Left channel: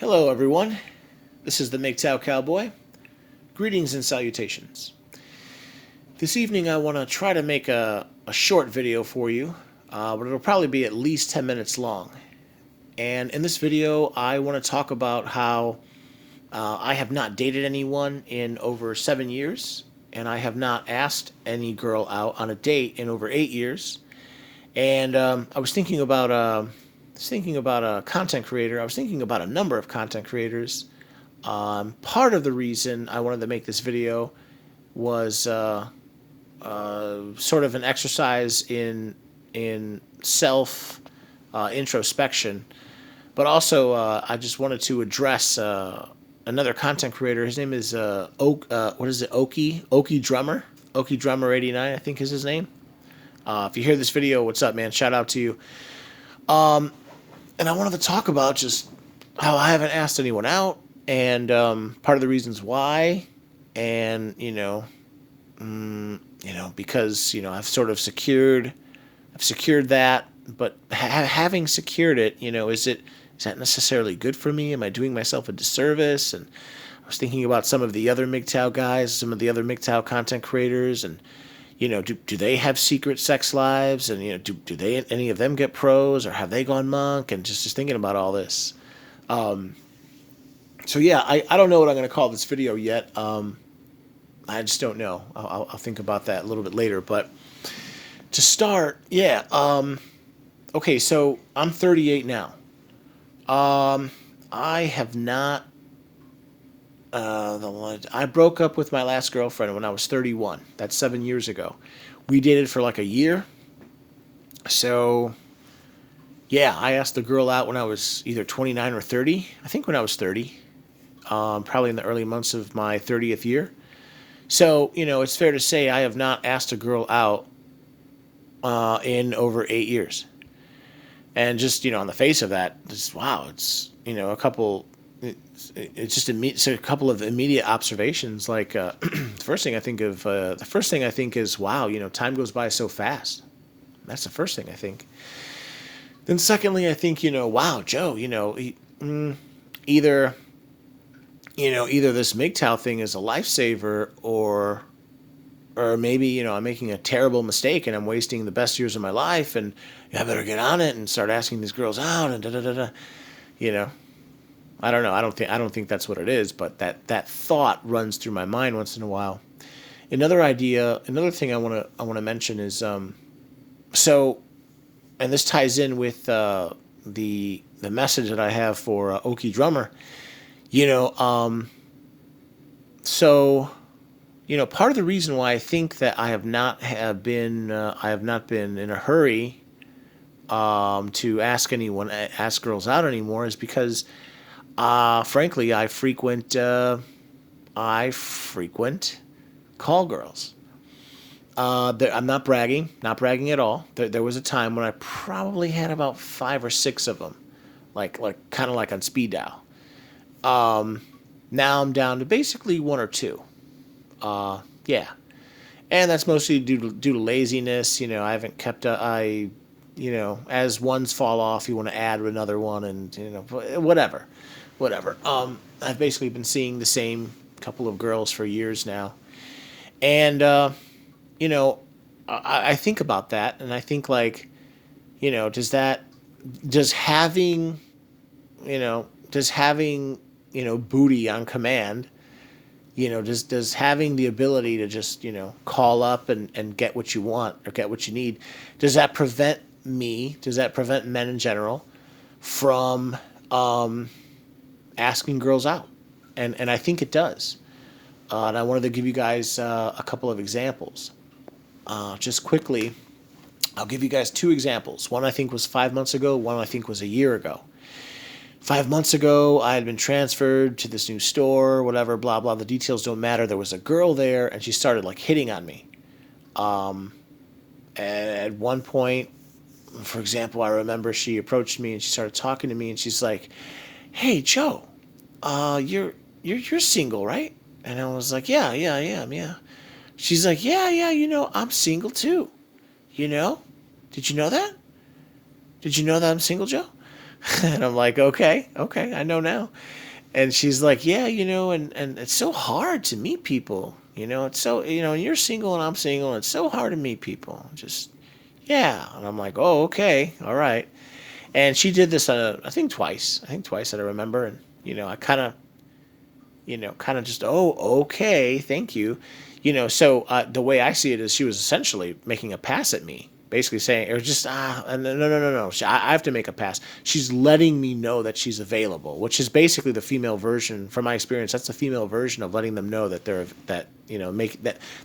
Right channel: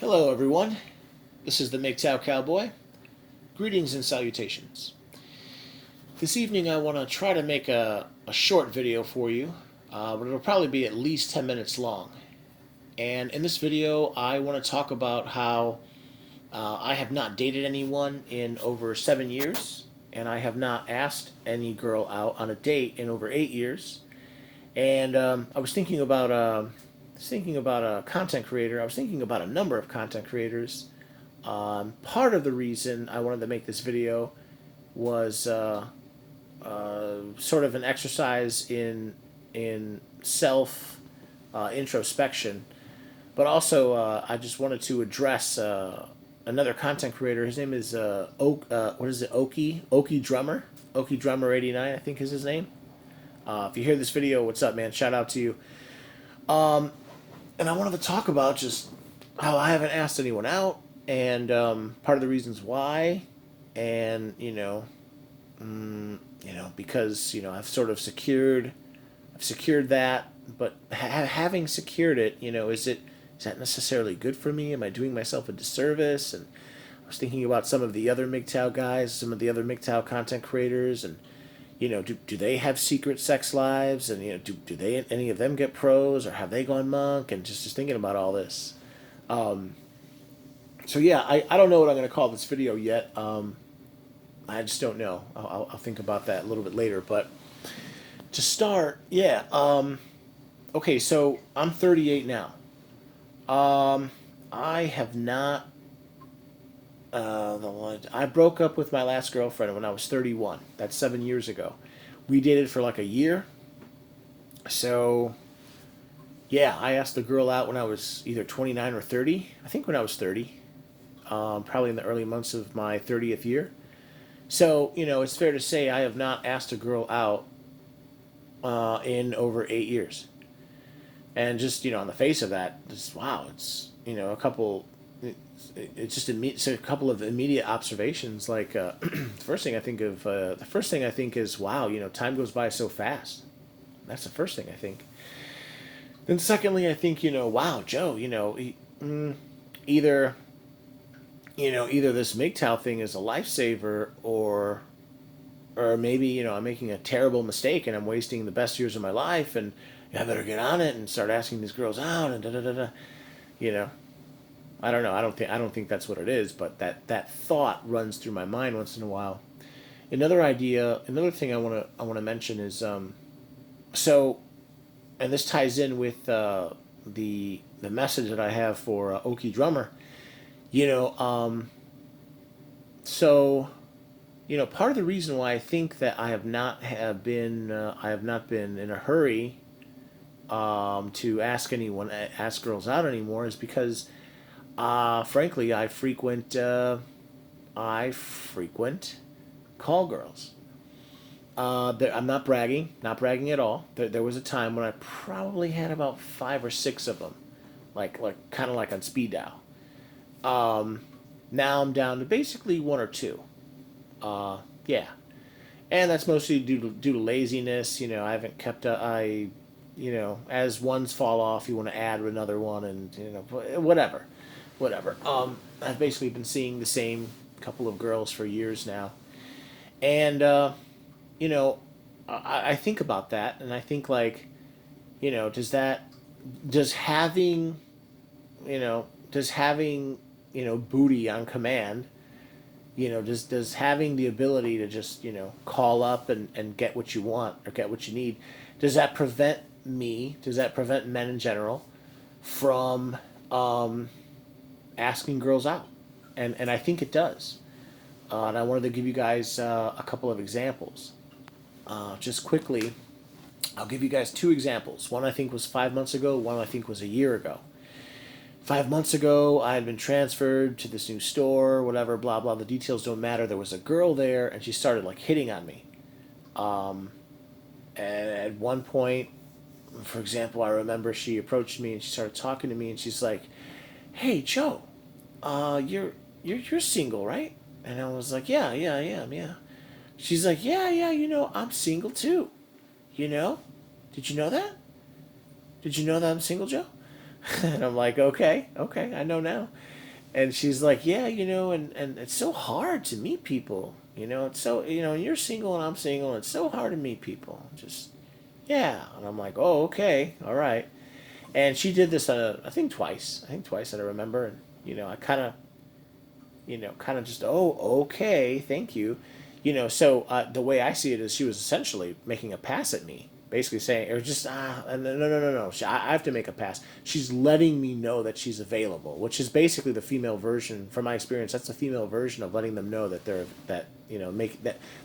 Hello, everyone. This is the Mgtow Cowboy. Greetings and salutations. This evening, I want to try to make a short video for you, but it'll probably be at least 10 minutes long. And in this video, I want to talk about how I have not dated anyone in over 7 years, and I have not asked any girl out on a date in over 8 years. And I was thinking about a content creator. I was thinking about a number of content creators. Part of the reason I wanted to make this video was sort of an exercise in self introspection, but also I just wanted to address another content creator. His name is what is it? Okie Drummer. Okie Drummer 89, I think is his name. If you hear this video, what's up, man? Shout out to you. And I wanted to talk about just how I haven't asked anyone out, and part of the reasons why, and because I've sort of I've secured that, but having secured it, is that necessarily good for me? Am I doing myself a disservice? And I was thinking about some of the other Mgtow guys, some of the other Mgtow content creators, and do they have secret sex lives? And do they, any of them, get pros, or have they gone monk? And just thinking about all this. So yeah, I don't know what I'm going to call this video yet. I just don't know. I'll think about that a little bit later. But to start, yeah. Okay, so I'm 38 now. I have not. I broke up with my last girlfriend when I was 31. That's 7 years ago. We dated for like a year. So, yeah, I asked the girl out when I was either 29 or 30. I think when I was 30. Probably in the early months of my 30th year. So, it's fair to say I have not asked a girl out in over 8 years. And just, on the face of that, just, wow, it's, a couple... It's just a couple of immediate observations. Like the first thing I think is, wow, time goes by so fast. That's the first thing I think. Then secondly, I think, wow, Joe, either this Mgtow thing is a lifesaver, or maybe I'm making a terrible mistake and I'm wasting the best years of my life, and I better get on it and start asking these girls out and da da da da. I don't know. I don't think that's what it is, but that thought runs through my mind once in a while. Another thing I want to mention is so, and this ties in with the message that I have for Okie Drummer. So, part of the reason why I think that I have not been in a hurry to ask girls out anymore is because. Frankly, I frequent call girls. I'm not bragging at all. There was a time when I probably had about 5 or 6 of them, like kind of like on speed dial. Now I'm down to basically 1 or 2. Yeah, and that's mostly due to laziness. I haven't kept as ones fall off, you want to add another one, and whatever. I've basically been seeing the same couple of girls for years now, and I think about that, and I think like, does having booty on command, does having the ability to just call up and get what you want or get what you need, does that prevent men in general from asking girls out? And I think it does. And I wanted to give you guys a couple of examples. Just quickly, I'll give you guys 2 examples. One I think was 5 months ago, one I think was a year ago. 5 months ago, I had been transferred to this new store, whatever, blah, blah. The details don't matter. There was a girl there, and she started, like, hitting on me. And at one point, for example, I remember she approached me, and she started talking to me, and she's like, "Hey, Joe, you're single, right?" And I was like, yeah, I am, yeah. She's like, yeah, I'm single too. Did you know that? Did you know that I'm single, Joe? And I'm like, okay, okay, I know now. And she's like, yeah, and it's so hard to meet people. It's so, you're single and I'm single, and it's so hard to meet people. Just, yeah. And I'm like, oh, okay, all right. And she did this, I think twice. I think twice that I remember. And, I kind of just, oh, okay, thank you. So the way I see it is she was essentially making a pass at me, basically saying, or just, no, no, no, no. I have to make a pass. She's letting me know that she's available, which is basically the female version, from my experience, that's the female version of letting them know that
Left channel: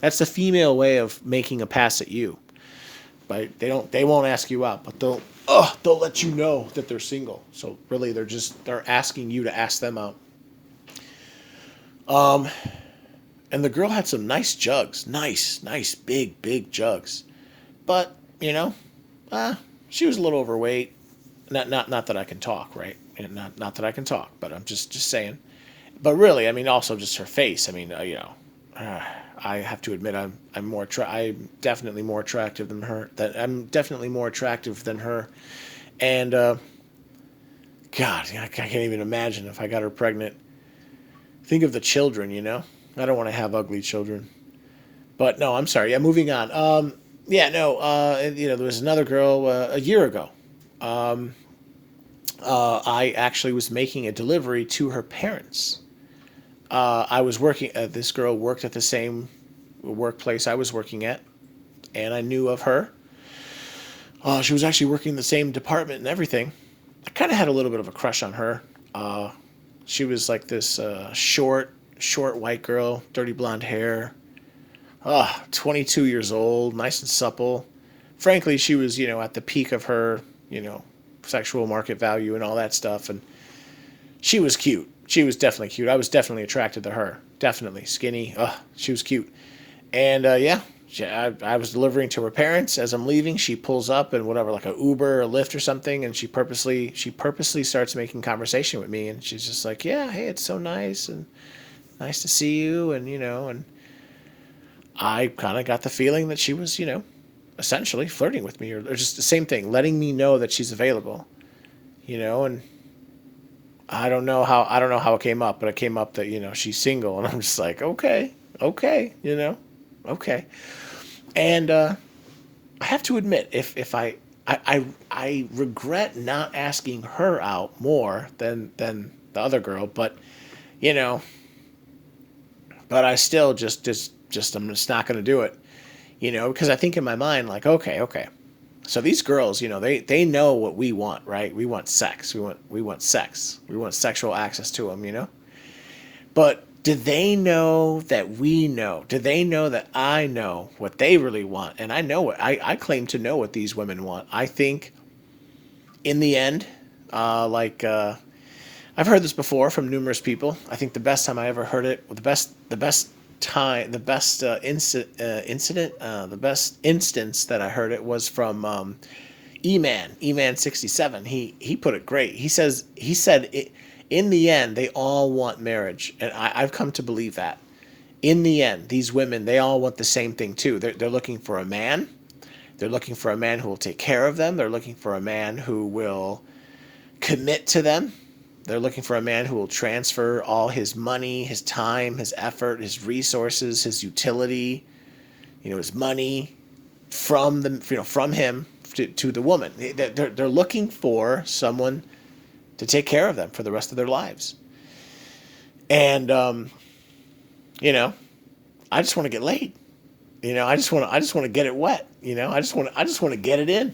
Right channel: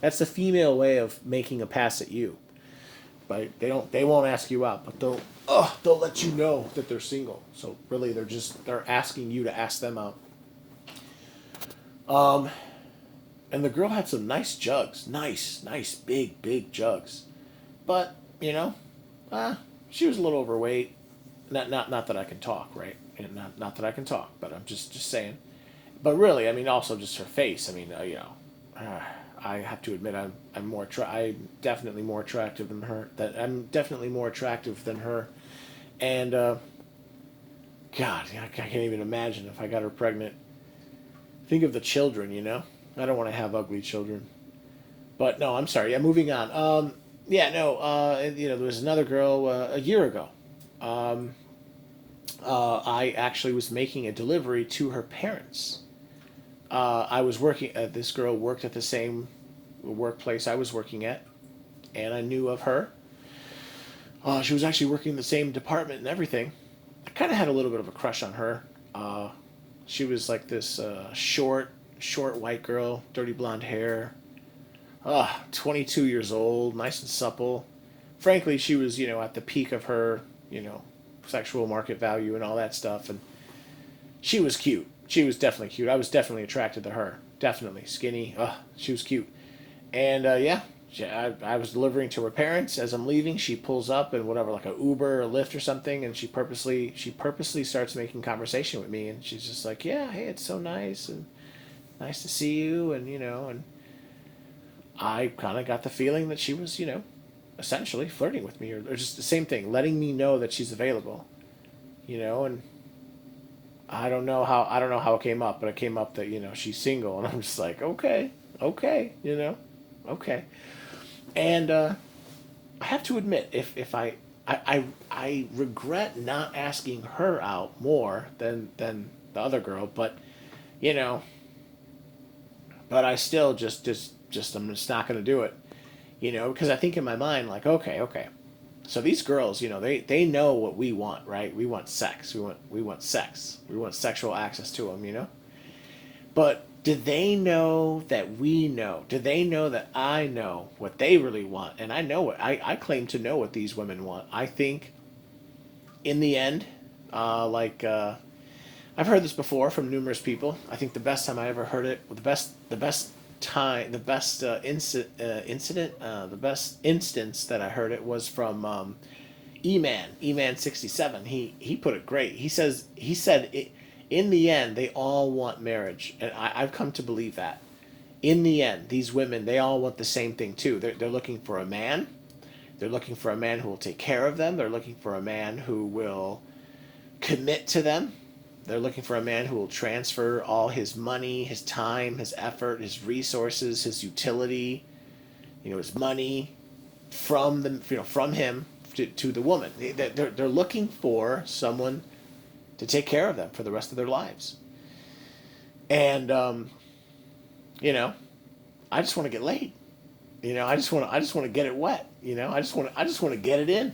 that's the female way of making a pass at you. But they won't ask you out, but they'll let you know that they're single. So really, they're asking you to ask them out. And the girl had some nice jugs, nice, big jugs. But uh, she was a little overweight. Not that I can talk, right? And not that I can talk, but I'm just saying. But really, I mean, also just her face. I mean, I have to admit, I'm definitely more attractive than her. That I'm definitely more attractive than her. And God, I can't even imagine if I got her pregnant. Think of the children, I don't want to have ugly children. But no, I'm sorry. Yeah, moving on. Yeah, no. There was another girl a year ago. I actually was making a delivery to her parents. I was working. This girl worked at the same workplace I was working at, and I knew of her. She was actually working in the same department and everything. I kind of had a little bit of a crush on her. She was like this short white girl, dirty blonde hair. 22 years old, nice and supple. Frankly, she was, at the peak of her, sexual market value and all that stuff. And she was cute. She was definitely cute. I was definitely attracted to her. Definitely. Skinny. She was cute. And yeah, I was delivering to her parents. As I'm leaving, she pulls up and whatever, like a Uber or a Lyft or something, and she purposely starts making conversation with me. And she's just like, yeah, hey, it's so nice and nice to see you. And, and I kind of got the feeling that she was, essentially flirting with me, or just the same thing, letting me know that she's available, and I don't know how it came up, but it came up that, she's single, and I'm just like, okay, okay, okay. And I have to admit, if I regret not asking her out more than the other girl, but you know, but I still just I'm just not going to do it, because I think in my mind, like, okay, okay, so these girls, they know what we want, right? We want sex. We want sex. We want sexual access to them. But do they know that we know? Do they know that I know what they really want? And I know what I claim to know what these women want. I think in the end, like I've heard this before from numerous people. I think the best time I ever heard it, the best incident, the best instance that I heard it was from E-Man 67. He put it great. He said it, in the end they all want marriage, and I've come to believe that. In the end, these women, they all want the same thing too. They're looking for a man. They're looking for a man who will take care of them. They're looking for a man who will commit to them. They're looking for a man who will transfer all his money, his time, his effort, his resources, his utility, his money from him to the woman. They're looking for someone to take care of them for the rest of their lives. And I just want to get laid. I just want to get it wet. I just want to get it in.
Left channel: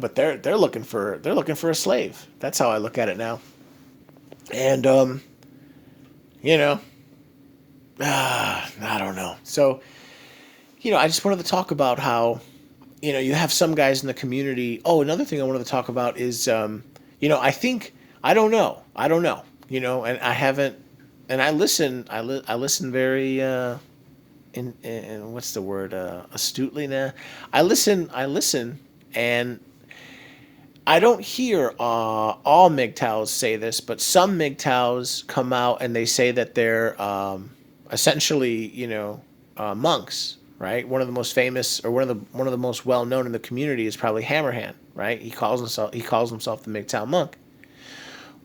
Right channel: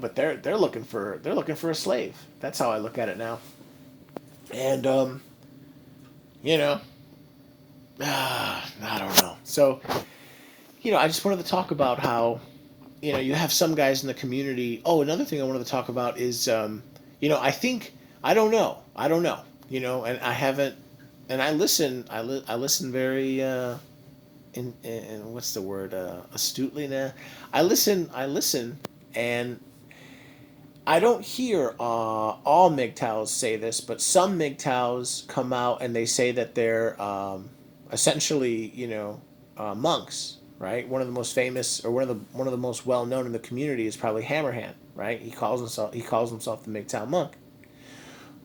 But they're looking for a slave. That's how I look at it now. And you know, I don't know. So, I just wanted to talk about how, you have some guys in the community. Oh, another thing I wanted to talk about is, I think I don't know. And I haven't, and I listen. I listen very in what's the word, astutely now. I listen, and I don't hear all Mgtows say this, but some Mgtows come out and they say that they're essentially, monks, right? One of the most famous, or one of the most well known in the community is probably Hammerhand. right? He calls himself the Mgtow monk.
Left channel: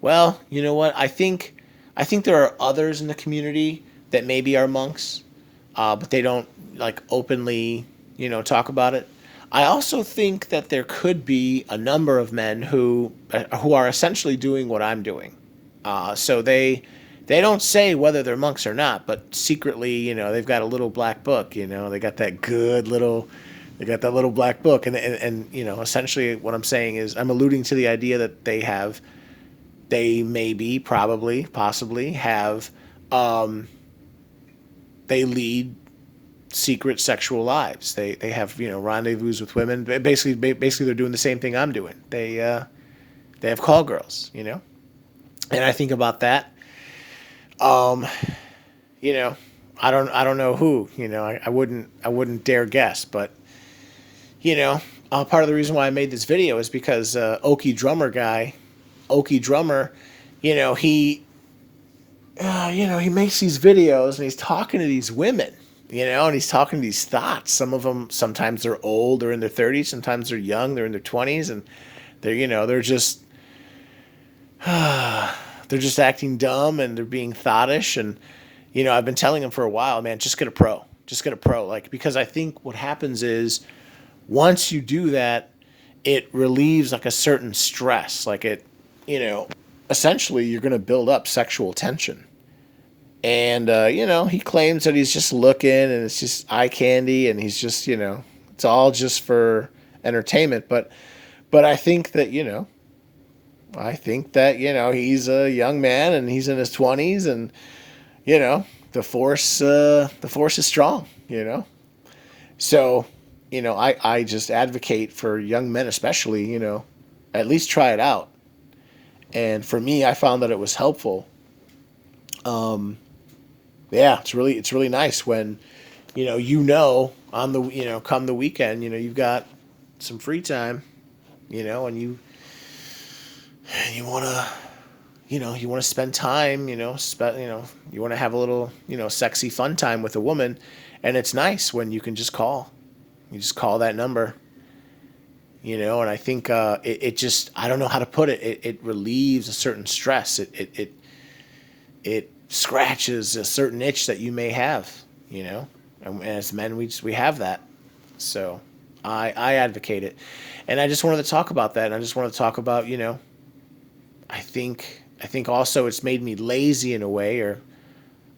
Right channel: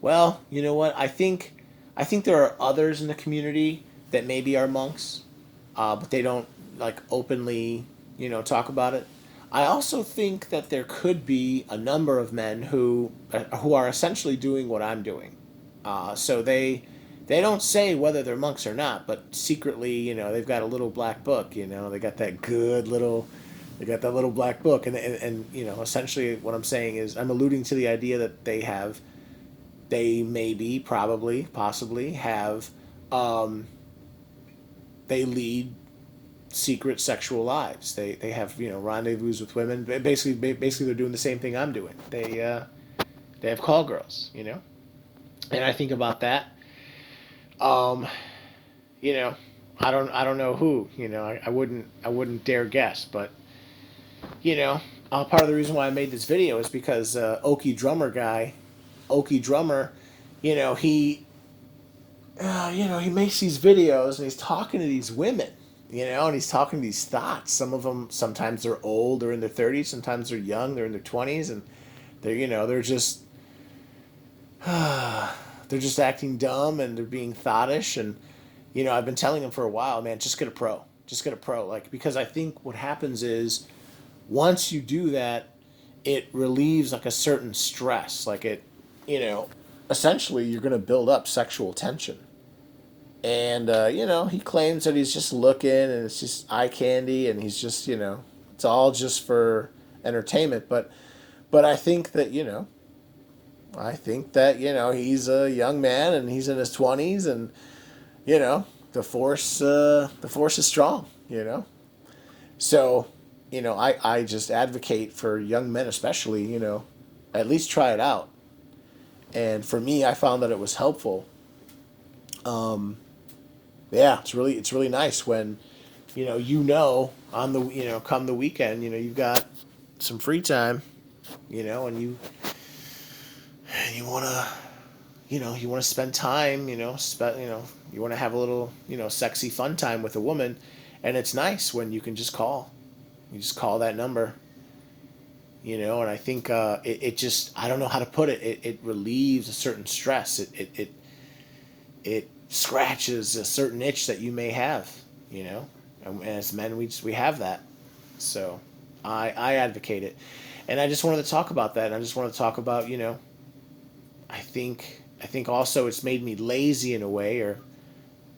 Well, you know what? I think there are others in the community that maybe are monks, but they don't like openly, talk about it. I also think that there could be a number of men who are essentially doing what I'm doing. So they don't say whether they're monks or not, but secretly, they've got a little black book. They got that good little, they got that little black book, and essentially what I'm saying is I'm alluding to the idea that they maybe, probably, possibly have, um, they lead secret sexual lives. They have rendezvous with women. Basically they're doing the same thing I'm doing. They have call girls. And I think about that. Um, you know, I don't know who. I wouldn't dare guess, but you know, part of the reason why I made this video is because Okie Drummer, you know, he makes these videos and he's talking to these women, and he's talking to these thoughts. Some of them, sometimes they're old, they're in their 30s, sometimes they're young, they're in their 20s, and they're just acting dumb and they're being thoughtish. And I've been telling him for a while, man, just get a pro, like, because I think what happens is once you do that, it relieves like a certain stress, like you know essentially you're going to build up sexual tension. And he claims that he's just looking and it's just eye candy and he's just, it's all just for entertainment. But I think that he's a young man and he's in his 20s, and the force is strong. So I just advocate for young men especially, at least try it out. And for me, I found that it was helpful. Yeah, it's really nice when on the come the weekend, you've got some free time, and you want to spend time, you want to have a little, sexy fun time with a woman. And it's nice when you can just call that number, and I think it just, I don't know how to put it. It relieves a certain stress. It scratches a certain itch that you may have, and as men, we have that. So I advocate it. And I just wanted to talk about that. And I just wanted to talk about, I think also it's made me lazy in a way, or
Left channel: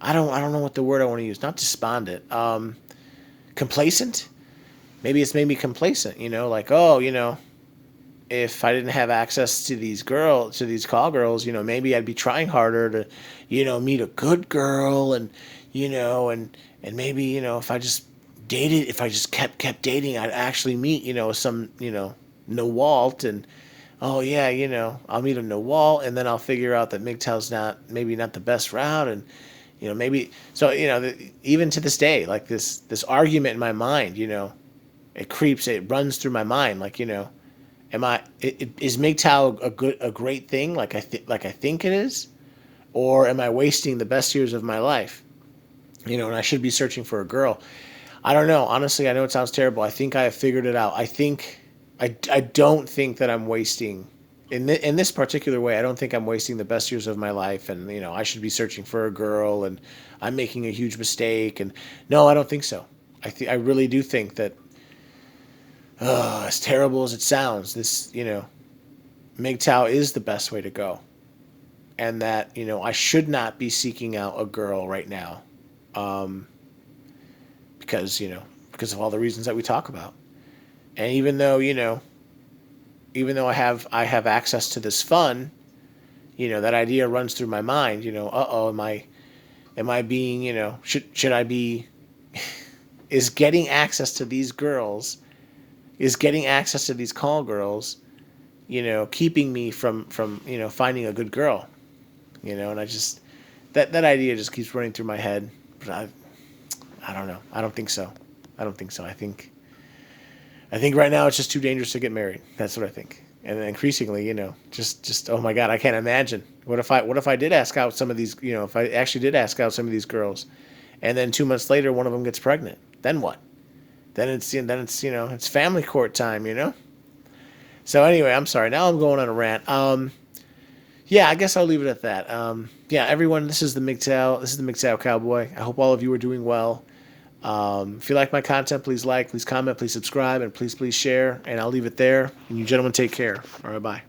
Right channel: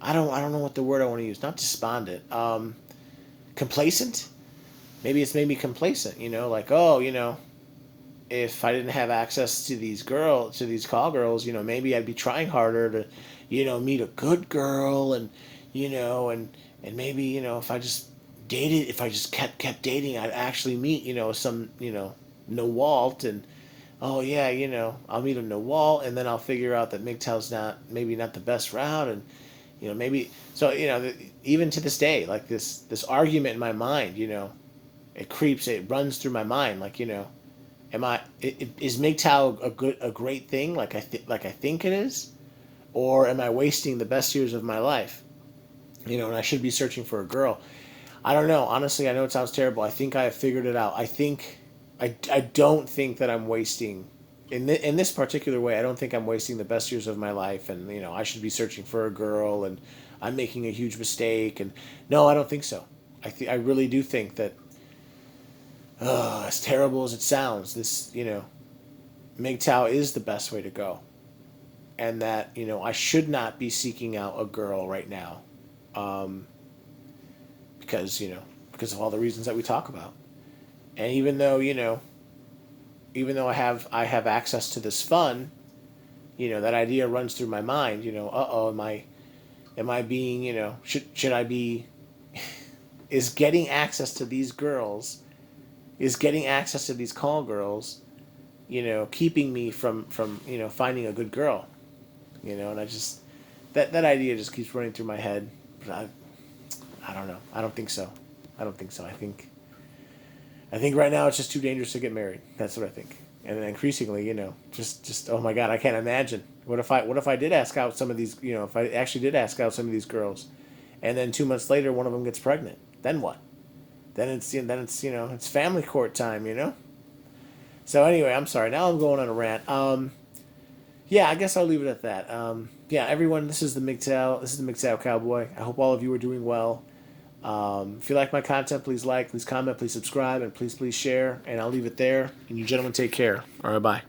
I don't know what the word I want to use. Not despondent. Complacent. Maybe it's made me complacent. Like, oh, if I didn't have access to these call girls, maybe I'd be trying harder to, meet a good girl, and maybe if I just kept dating, I'd actually meet some Nawalt. And oh yeah, I'll meet a Nawalt, and then I'll figure out that Mgtow's not the best route. And maybe so, even to this day, like this argument in my mind, it runs through my mind, like, is Mgtow a great thing, like I think it is, or am I wasting the best years of my life? And I should be searching for a girl. I don't know. Honestly, I know it sounds terrible. I think I have figured it out. I don't think that I'm wasting in this particular way. I don't think I'm wasting the best years of my life, and I should be searching for a girl, and I'm making a huge mistake. And no, I don't think so. I really do think that, as terrible as it sounds, this Mgtow is the best way to go, and that I should not be seeking out a girl right now, um, because of all the reasons that we talk about. And even though I have access to this fun, that idea runs through my mind. Am I being, should I be, is getting access to these girls, is getting access to these call girls, keeping me from finding a good girl, and I just, that idea just keeps running through my head. But I don't know. I don't think so. I think right now it's just too dangerous to get married. That's what I think. And then increasingly, just oh my God, I can't imagine. What if I did ask out some of these, if I actually did ask out some of these girls, and then 2 months later one of them gets pregnant? Then what? Then it's it's family court time. So anyway, I'm sorry. Now I'm going on a rant. Yeah, I guess I'll leave it at that. Yeah, everyone, this is the Mgtow. This is the Mgtow Cowboy. I hope all of you are doing well. If you like my content, please like, please comment, please subscribe, and please share. And I'll leave it there. And you gentlemen take care. All right, bye.